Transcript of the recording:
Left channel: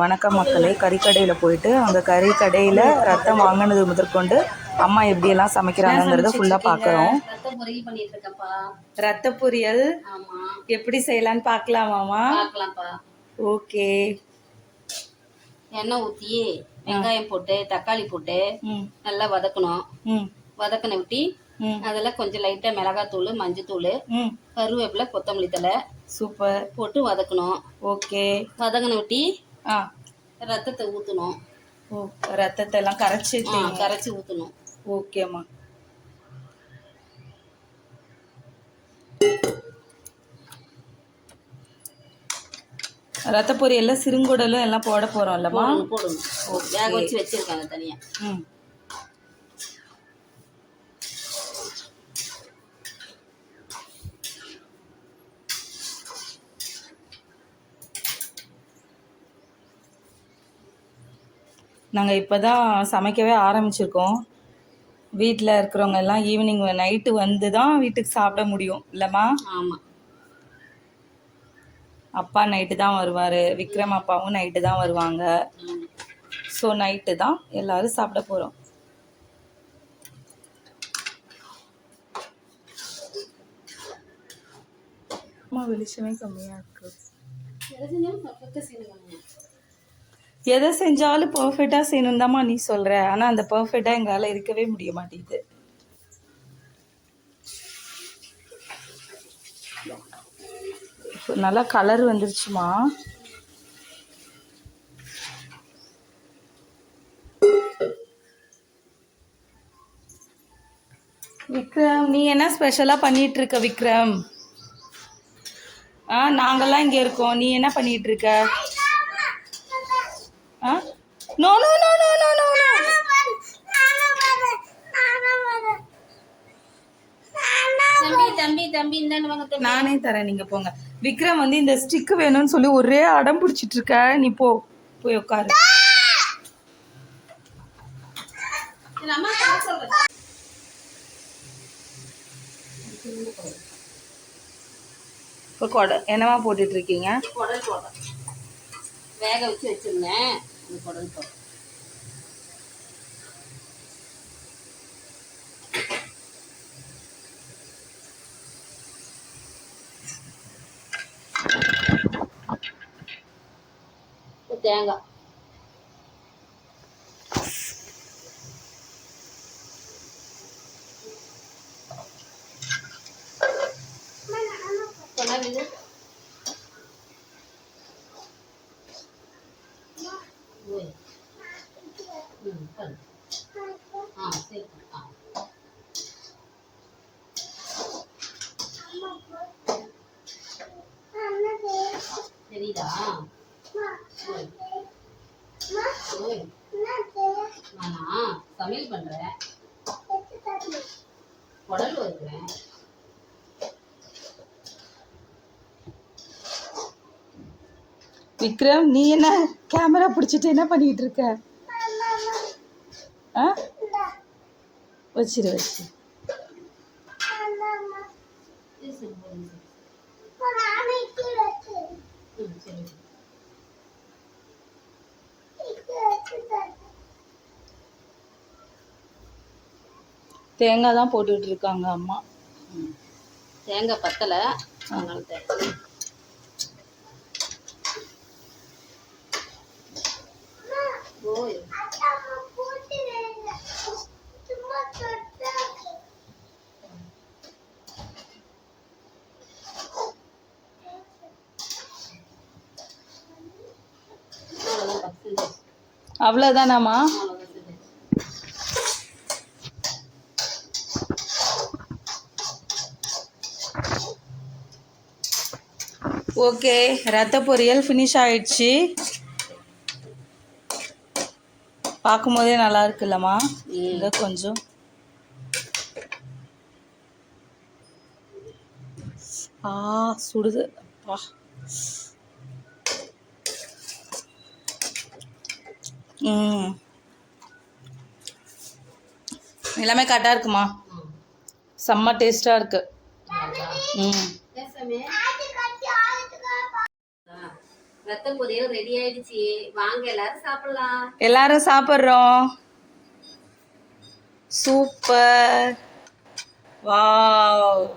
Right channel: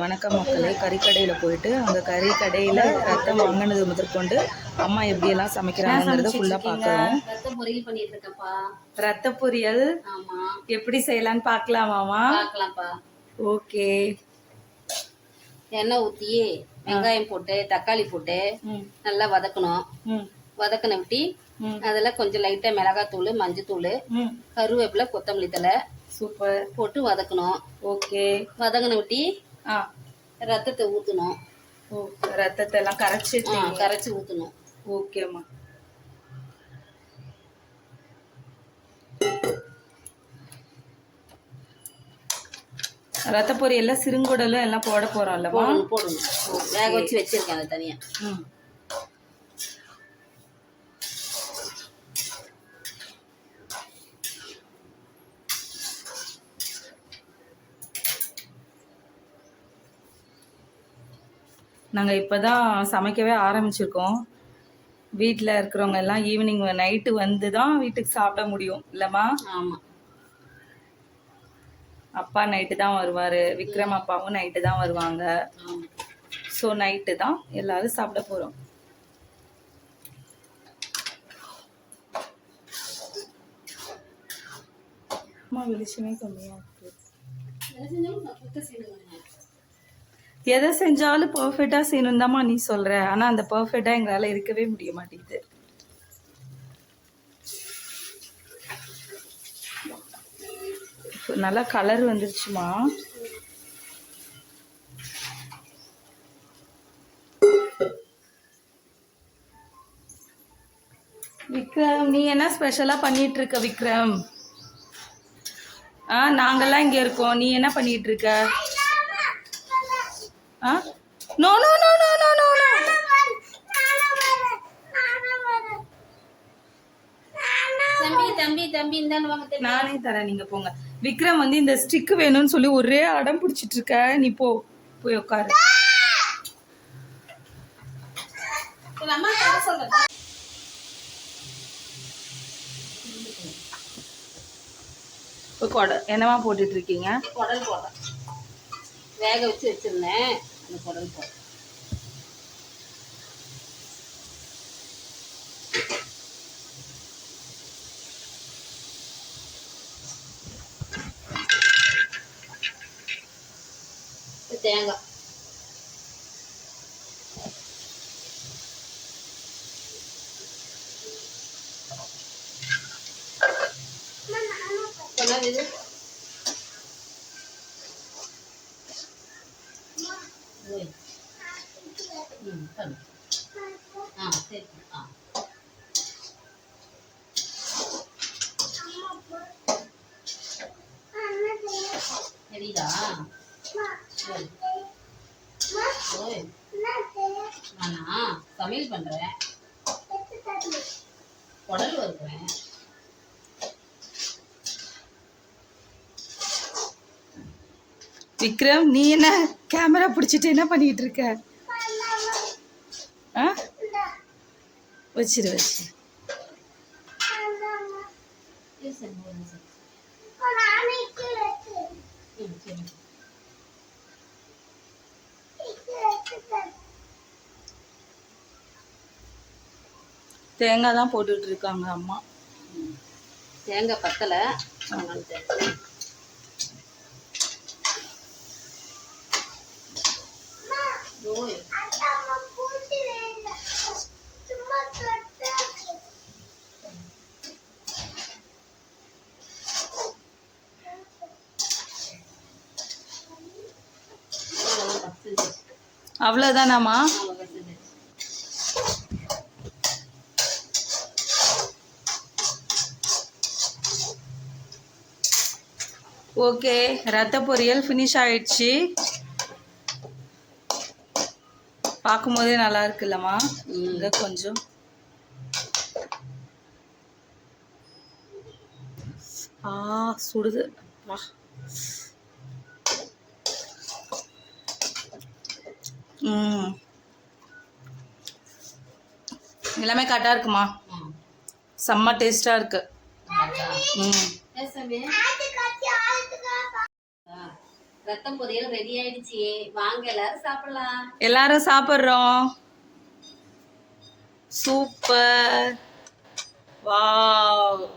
வணக்கம் மக்களே. கறிக்கடையில் போயிட்டு அங்கே கறிக்கடையில் ரத்தம் வாங்கினது முதற்கொண்டு அம்மா எப்படியெல்லாம் சமைக்கிறாங்கங்கிறத ஃபுல்லாக பார்க்குறோம் ரத்த பொரியல் ஆமா. எப்படி செய்யலான்னு பார்க்கலாமாமா பார்க்கலாம்ப்பா ஓகே. எண்ணெய் ஊற்றி வெங்காயம் போட்டு தக்காளி போட்டு நல்லா வதக்கணும். வதக்கின விட்டி அதில் கொஞ்சம் லைட்டாக மிளகாத்தூள் மஞ்சத்தூள் கருவேப்பிலை கொத்தமல்லி தழை சூப்பர். போட்டு வதக்கணும். ஓகே. வதங்கின விட்டி ஆ. ரத்தத்தை ஊற்றணும் ஓ ரத்தத்தை எல்லாம் கரைச்சி கரைச்சி ஊற்றணும் ஓகேம்மா ரத்த பொரியல்ல சிறுங்குடலும் எல்லாம் போட போறோம்லம்மா? போடணும் வேக வச்சு வச்சிருக்கேன் தனியாக ம். நாங்கள் இப்போ தான் சமைக்கவே ஆரம்பிச்சிருக்கோம். வீட்டில் இருக்கிறவங்க எல்லாம் ஈவினிங் நைட்டு வந்து தான் வீட்டுக்கு சாப்பிட முடியும். இல்லைம்மா? ஆமாம் அப்பா நைட்டு தான் வருவார். விக்ரம் அப்பாவும் நைட்டு தான் வருவாங்க. ஸோ நைட்டு தான் எல்லாரும் சாப்பிட போகிறோம் அம்மா வெளிச்சமே கம்மியாக இருக்கு. எதை செஞ்சாலும் பர்ஃபெக்டாக செய்யணும் தாம்மா நீ சொல்கிற ஆனால் அந்த பர்ஃபெக்டாக எங்களால் இருக்கவே முடிய மாட்டேங்குது. நல்லா கலர் வந்துருச்சுமா? விக்ரம் நீ என்ன ஸ்பெஷலாக பண்ணிட்டு இருக்க விக்ரம்? ஆ நாங்கள்லாம் இங்கே இருக்கோம். நீ என்ன பண்ணிட்டு இருக்க no no no no no no no தம்பி தம்பி தம்பி இந்தாண்டு வாங்க தம்பி. நானே தரேன் நீங்க போங்க. விக்ரம் வந்து இந்த ஸ்டிக் வேணும்னு சொல்லி ஒரே அடம் பிடிச்சிட்டு இருக்க. நீ போ போய் உட்காரு இப்போ கொடை என்னவா போட்டுட்டு இருக்கீங்க? குடல் போடுறேன் வேக வச்சு வச்சிருந்தேன். அந்த குடல் போடுறேன் இப்ப தேங்காய் சொன்னது இது ஆ சரி ஆ தெரியுதா நானா சமையல் குடல் வறுக்கிறேன் விக்ரம் நீ என்ன கேமரா பிடிச்சிட்டு என்ன பண்ணிட்டு இருக்க ஆ வச்சிரு சரி தேங்காய் தான் போட்டுட்டு இருக்காங்க அம்மா. தேங்காய் பத்தலை. அதனால தேங்காய். அவ்வளோதானாம்மா ஓகே ரத்த பொரியல் ஃபினிஷ் ஆயிடுச்சு. பார்க்கும்போதே நல்லா இருக்குல்லம்மா. ம் கொஞ்சம். ஆ சுடுது. அப்பா எல்லாமே கரெக்டாக இருக்குமா? செம்ம டேஸ்ட்டாக இருக்கு? ம். ஏன் சாமி? ஆ, ரத்த பொரியல் ரெடி ஆயிடுச்சு. வாங்க எல்லாரும் சாப்பிடலாம். எல்லாரும் சாப்பிட்றோம். Super wow